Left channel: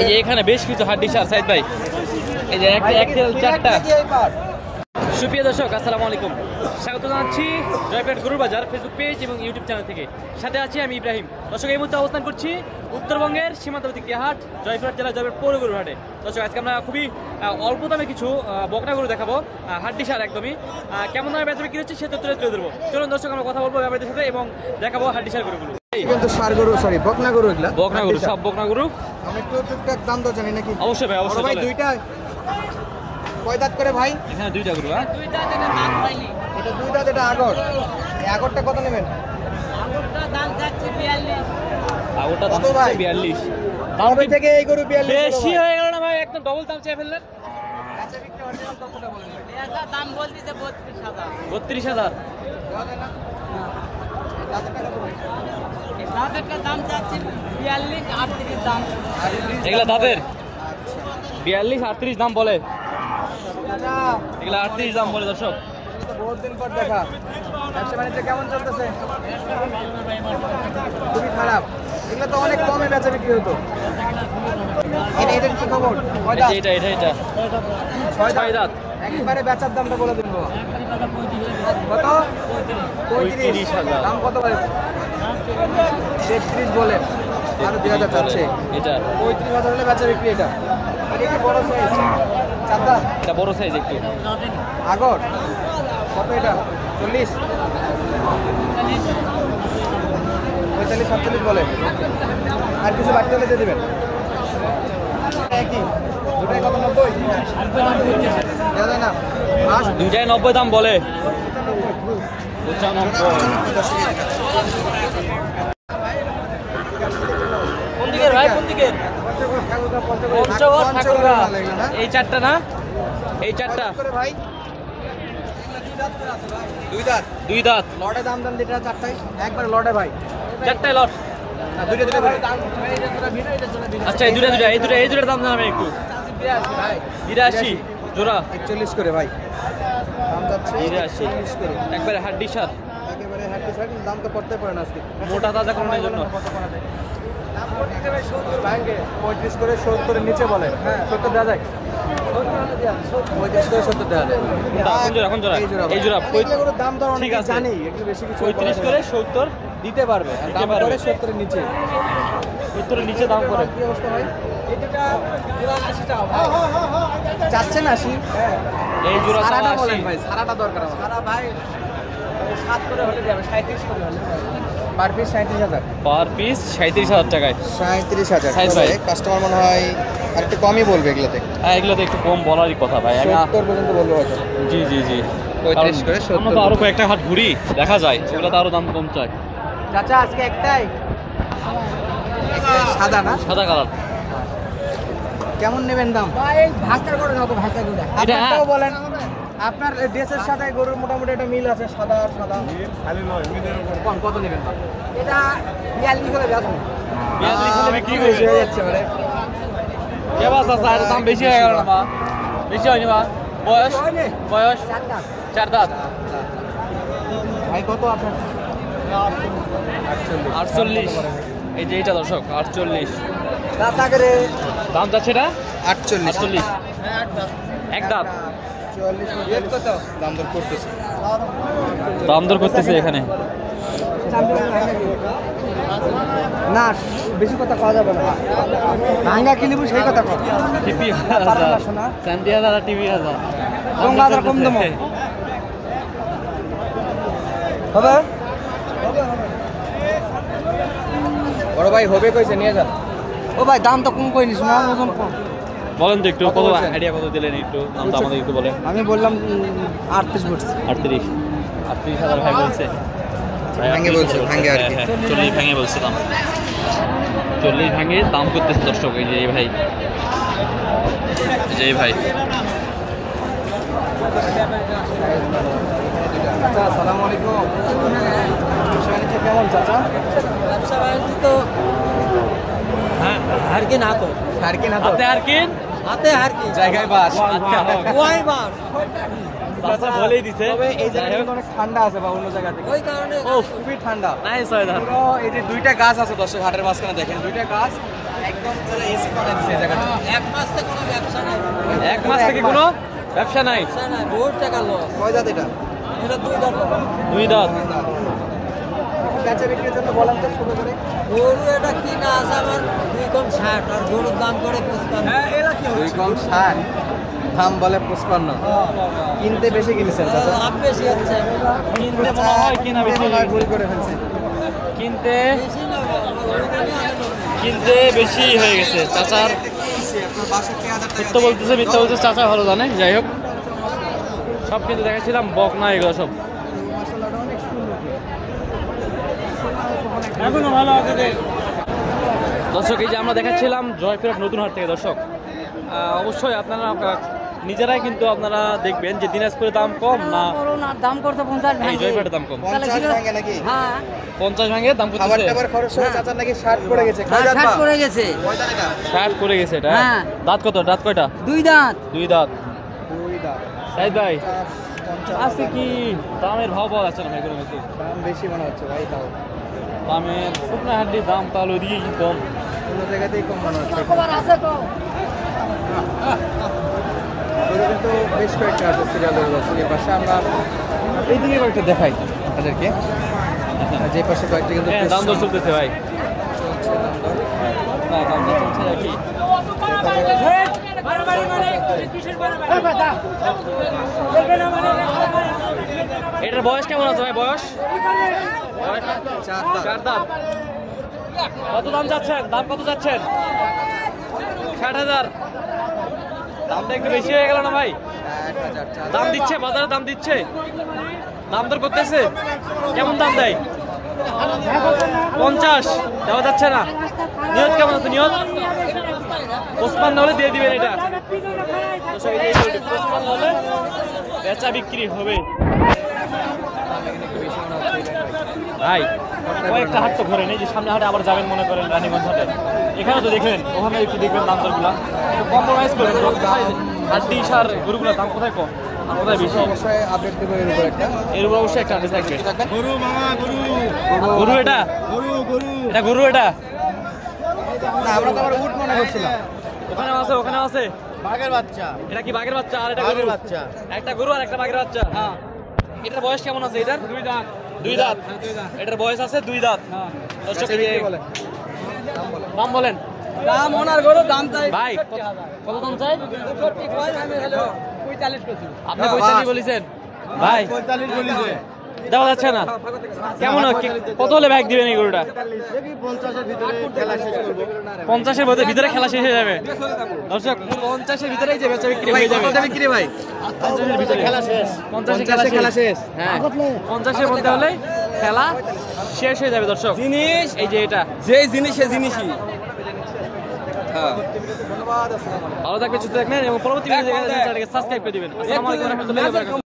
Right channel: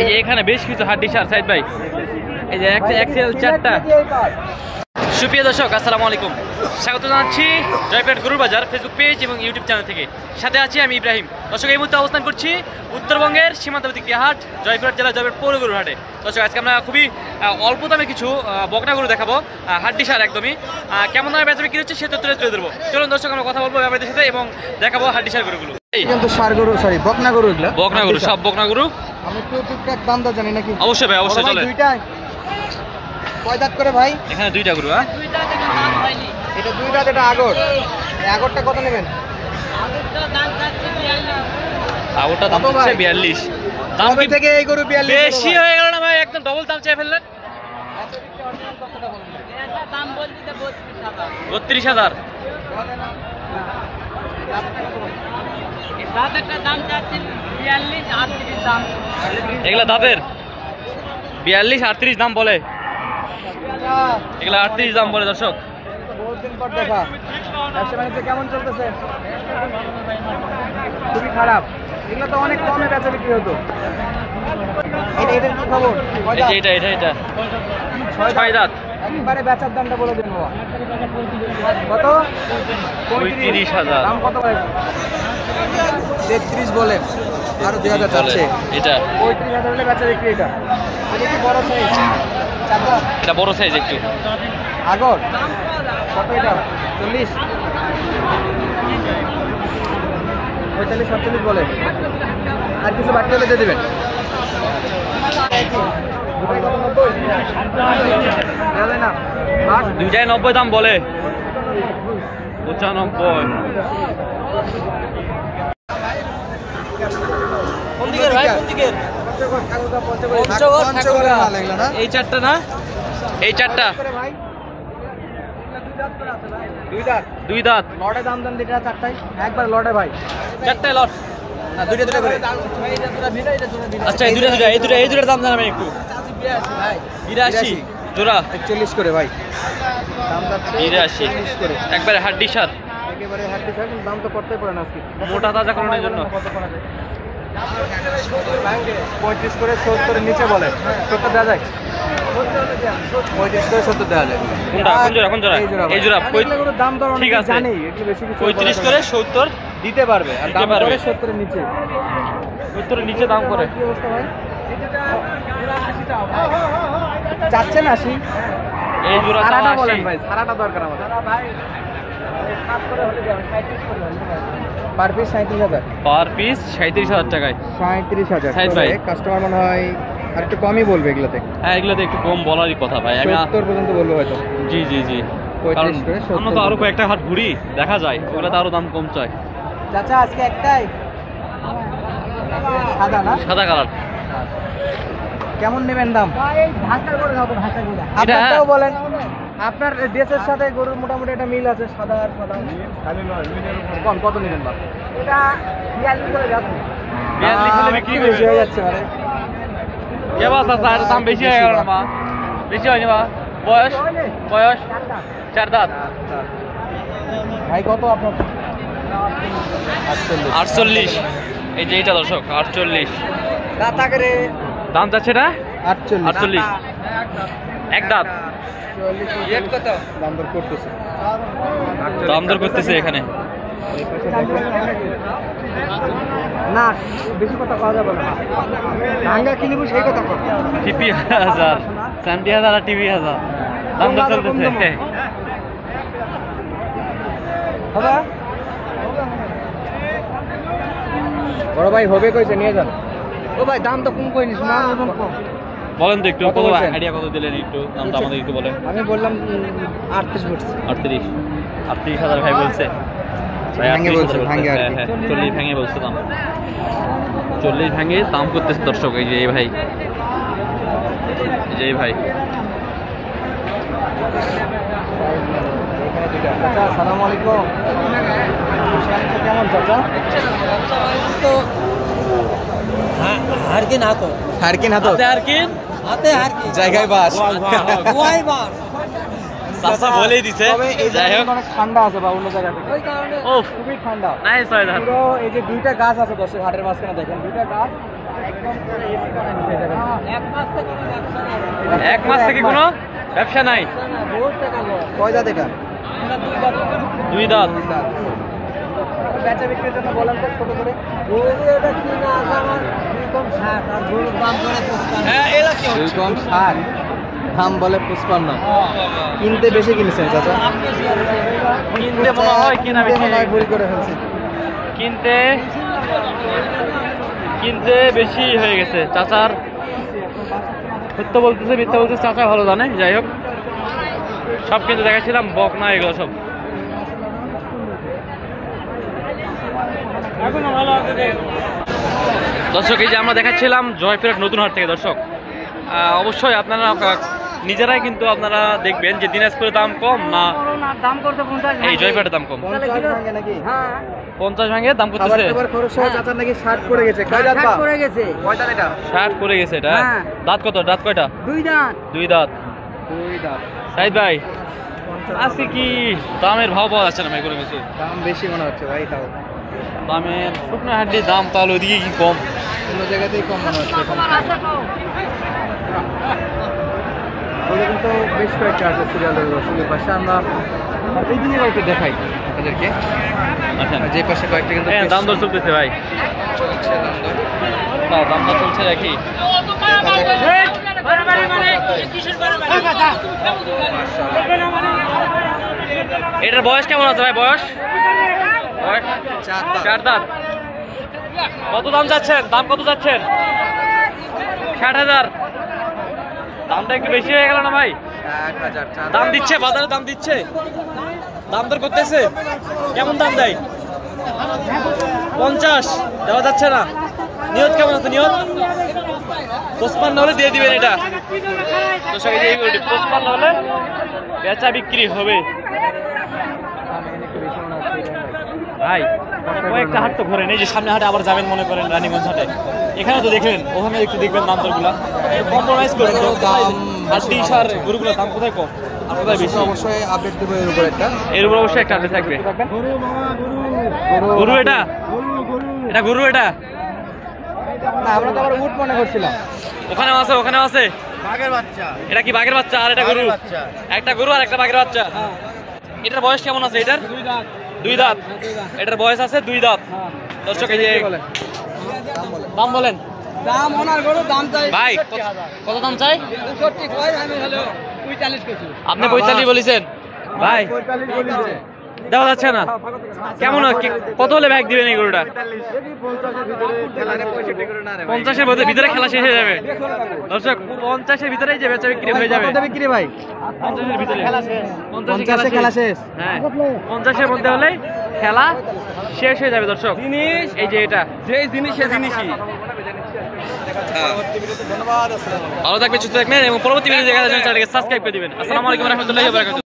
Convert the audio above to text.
এই যে এখানে বেশ কিছু হাড্ডি সার সাইদ ভাই, এই যে একটা এক্সেল 4টা। সুপ্রিয় দর্শক আসসালামু আলাইকুম, স্বাগত জানাচ্ছি জয়পুরহাট গরুর বাজার ফেসবুক পেজ এবং ইউটিউব চ্যানেল থেকে। সাথে আছি আমি ইব্রাহিম। দর্শক এই মুহূর্তে অবস্থান করছি উত্তরবঙ্গের সীমান্তবর্তী হাট জয়পুরহাট জেলা জয়পুরহাট পৌর গরুর হাটে। দর্শক আজকে আমরা খুবই অল্প দামে কিছু বকনা গরু দেখাবো, হাড্ডি সার একদমই। কেমন দামে বেচা বিক্রি হচ্ছে সে তথ্য তুলে ধরবো। চলুন দর্শক আমরা কথা বলবো ব্যাপারীদের সাথে এবং দেখাবো হাড্ডি সার গরুগুলো। বকনা গরু, সব বকনা গরু। আমি তো টুকটাক দাম দা জানি নাকি? অবশ্যই ভাই, অবশ্যই চলে। দুইটাই কয় দাঁত করে ভাই? এখানে দুইটা গরু। এটা দুই দাঁত, এটা আগর। আগরটা কত নেবেন? আগরটা দাম হচ্ছে 42। দাম থেকে এই গরু 42 বেশি হয়ে গেল না ভাই? একদম ডবল দাম চেয়ে ফেললেন। দাম বলতে 32,000। এগুলা দাঁতের 42-38 দাম বলে, এগুলা 38 দাম বলে। দর্শক বহুত দিন পর দেখা। কেমন চলতেছে? খুবই খারাপ। এগুলো তো অনেক কমে বেচা বিক্রি হতো। এটা কি খবর? এটা 6 দাঁত। একবারে বেচার দামটা বলে দিন। কত? 35,000। দাম কত ভাই? 33 বলে। আর 2000 চাচ্ছে। এটা 35,000 হলে বেচা বিক্রি। এটা কি বড় সাইজ? চারটা। এটা বড় সাইজ একটু। আগর কত এটা? 40 45-47 বলে। আর কিছু বাড়তে হলে দিয়ে দেবেন। দুটাই কত? 90 দেওয়া যায় না? দুইটাই 90 দাম বলে। 95। কোন দিকের ভাই? কোন দিকের? পঞ্চগড় ঠাকুরগা। এই চারটা না? এই চারটা ভাই দুই দাঁত। লটে দাম দাম দিটা চারটায় একবার লটে ভাই। চারটায় লট। দুইটা ভাই দাম। আচ্ছা এই দুটার দাম জানাবেন একটু। 82 ভাই। 82 জোড়া 41 করে ভাই। দাম যাচ্ছে 82 করে। একবারে হাড্ডি সার, একেবারে হাড্ডি সার। দাম তো করতে পারেন আজকে মোটা তাজা করানোর জন্য। 35 করে 70 এর নিচে বলে। 70 দেওয়া যায়? 35 করে 70 দেওয়া যায়। কোনটা? কোন জোড়া? এই জোড়া দাম দর ঠিক আছে। জানি একটু বেশি কিছু 35 করে 70 দিতে পারবে। আর দিতে দাম পারবে। 70 এর নিচে। 70 এর নিচে দাম করে। কি অবস্থা ভাই? এটা 84 টাকা ভাই। চাচ্ছেন 80? এই জোড়া চাওয়া 80 ভাই। সারাটা দরকার আমার। সারা ভাই 7 করে হলে দিই, 37 করে হলে ভাই। Per piece 37,000। পার পিস 37,000 টাকায়। 37,000 সাইজ ভাই। কাস্টমার মনে হয় আর একটু কমই বলবে এগুলাতে। হ্যাঁ এগুলোতে একটু কম বলারই কথা ভাই। আমি 70 পর্যন্ত বলবো হয়তো। জি 35 করে 70। আমরা তো আরো কয়েকটা হাট ঘুরি, দেখা যায় সেগুলোতে আরো দাম কম চাই। চাচা আজকে একটাই সাদা না? সাদা কালার। কেমন নেবেন দাম? ভাই ভাস্তার করে খাবো, ভাস্তা গুড়া। আপনারটাও বলেন। আপনার ড্রেসের সাথে গরুর মোটামুটি একটা মিল আছে, সাদা আর সাদা। খালি নয়, মিলের উপর। কত নেবেন ভাই? এটা 42 করে যাবো। 42 হলে বিক্রি বেশি হয়ে যাচ্ছে মানে। কে বাস আছে? আর দাম বেশি হয়ে গেল না মা? বেশি হয়নি মা? বয়স 4 দাঁত। ভাই কত আপনার? 48। এই যে এইটা দর্শক 48 দাম যাচ্ছে না? 48 এক দাঁত। দাম দর করতেছে এখানে। না বেশি কথা কওয়া যাবে না। ভাঙ্গা কিনব সেই কথা কর। টিপি 1000 30,000 আর টিভি 1000 দাম দর চলতেছে। বড় ভাই হবে কইছে নিয়ে যান। ও ভাই দাম তো কম কই নিস না, ওজন কম। বলেন তো একটু কত আইডিয়া কত দিলেন একটু দামটা আমাদের একটু বলেন। আমি বললাম 38 বলছি। 38,000 ভাই বলছে। ভাই 38,000 ভাঙে আর কি। 40 ভাঙে বলছে দাম। 40 ভাঙে দাম করতেছে দর্শক। এই যে এই ভাই, এই যে এই ভাই। আসসালামু আলাইকুম। কেমন চাচা? তো হ্যাঁ হারকিন হাতে হারকিন জায়গায় বাস। আচ্ছা ওয়াই বাস চাচা বলেই দিছে। যাই হোক অনেক ঠান্ডা আছে বা অন্য জায়গাতে ওই কারণে খুবই ঠান্ডা। Nice weather. এই যে দুইটা গাছ আছে দর্শক হাটের মাঝখানে দেখেন, দুইটা গাছ এক মাস থেকে কোনো ব্যবসা নাই। কয় দাঁত এটা? দুই দাঁত। বেচা বিক্রির জন্য বলেন তো ছোট করে। গরু এটা কিনা আছে আমার 2 কম 60 আর গরুর দাম করে 55। 2 কম 60, দাম বলে 55। কিনতে বেশি কিনেছে চাচা? লাভ বেশি আছে। কিনতে মনে হয় কিনা বেশি, ভুল করে ফেলছে। কিনতে বেশি হয়ে গেছে। চাচার সত্য বলতেছে মিথ্যা বলতেছে চাচা ভালো জানে। যাই হোক, সব কিন্তু দেখাচ্ছিলাম বকনা এগুলো সব। দর্শক, এই যে আমরা দেখাচ্ছিলাম জয়পুরহাট নতুন হাট থেকে। দর্শক, অবশ্যই আপনারা নিজেরাই কিন্তু আপনারা দেখবেন যে দিনাজপুরে দাম কম না দাম করতে 50 এই জয়পুরহাটের দাম কম। 50 ভাঙে নাকি? হ্যাঁ 50 ভাঙে দাম করতেছে। খাবার খরচ সহ চাচার নাকি 60 পড়ে গেছে। কয় দাঁত? 60 করে গেছে। কয় দাঁত এটা? 60 করে গেছে এটা। হ্যাঁ। দাঁত কত? দাঁত কয়টা? 2 দাঁত। দুই দাঁত। 2 দাঁত। সাইদ ভাই, 50 আজকে কি দামের ভাব পাওয়া যাচ্ছে না ভাই কোনো কিছু? দাম বেশি মনে হচ্ছে ভাই। তাও দামের শুকনো হাড্ডির দাম তাহলে ওইদিকে কি কম? অন্য জায়গাতেই কম মনে হচ্ছে। কবার আছে কম। ওদের কিন্তু বেশ কয়েকটা আছে সিরিয়ালের ফুলের পাশে। আমরা এই দিকে কয়েকটা দেখাই আপনাদেরকে। আচ্ছা, যে পাশে কয়েকটা কিন্তু হ্যাঁ দাম দর চলতেছে ভাই। চলছে দাম দর। হ্যাঁ, দাম দর চলছে নাকি? এটার বয়স কেমন আছে ভাই? বয়স 4 দাঁত। কত দাম চাচ্ছেন? দাম কত চাচ্ছেন? 60,000। দামটা একটু বেশি হয়ে গেল না ভাই? 1000 দাম দিচ্ছে, বাজারে দাম দিচ্ছে, দাম দর করতেছে। কেমন দাম দেয়? 50 দেওয়া যাচ্ছে না। নিয়ত কেমন আছে? নিয়ত 55 হলে দিয়ে দিবেন এটা। দর্শক, এই যে এই গরুটি 55 হলে বেচা বিক্রি হবে। ভাই, কয়েকটা হাট তো ঘোরেন। এই যে সামনে হাটে আবার যাবেন মনে করেন রানীগঞ্জ হাটে, এখানে তো দেখলেন, ওখানে একটু দেখবেন দাম দরগুলা, একটু কম্প্রোমাইজ করেন তো। কোথায় হাড্ডি সার গরুগুলোর দাম কোথায় কম আর কোথায় বেশি? অবশ্যই আপডেট দেবো এর উপর একটা। এর উপর অবশ্যই একটা আপডেট থাকবে। গরু মামা, গরু গরু এটা? গরু এটা গরু এটা? না, আমরা তো আবার উট মনে করছিলাম। ওখানেও আছে, ওখানেও আছে। বাঘের বাচ্চা। এটা কি বাঘের বাচ্চা? আর এটা গরু? বাচ্চা। একটা গরু আর একটা বাঘের বাচ্চা। এটার বয়স কেমন আছে? এটার 2 দাঁত। 2 দাঁত। এটার বয়স আছে 2 দাঁত। দর্শক, এই যে দাম বলেন দাম ওনার গরু দাম চাই ভাই। কত দাম চাই? 65 কই আমি হলো 45 কেজি। আপনি 45 বলেছেন ভাই? 45 বলেছে। দেওয়া যাচ্ছে না। কেমন কত হলে ব্যাগ দিবেন এই গরুটা? 50-এর ভিতরে খেলা শেষ হয়ে যাবে। দর্শক, 50-এর ভিতরেই যে বেচা বিক্রি হয়ে যাবে। বিক্রি ভাই? 50-এর ভিতরে খেলা শেষ। 50 খেলা শেষ। হ্যাঁ, 50-এর মধ্যে হলে খেলা শেষ হয়ে যাবে। দর্শক, এই যে এটা যে জিনিস সে জিনিসই। ভালো থাকবে, সুস্থ থাকবেন এবং পরবর্তী ভিডিও দেখার জন্য চ্যানেলকে সাবস্ক্রাইব করে দিবেন। আসসালামু আলাইকুম ওয়া রাহমাতুল্লাহি ওয়া বারাকাতুহু।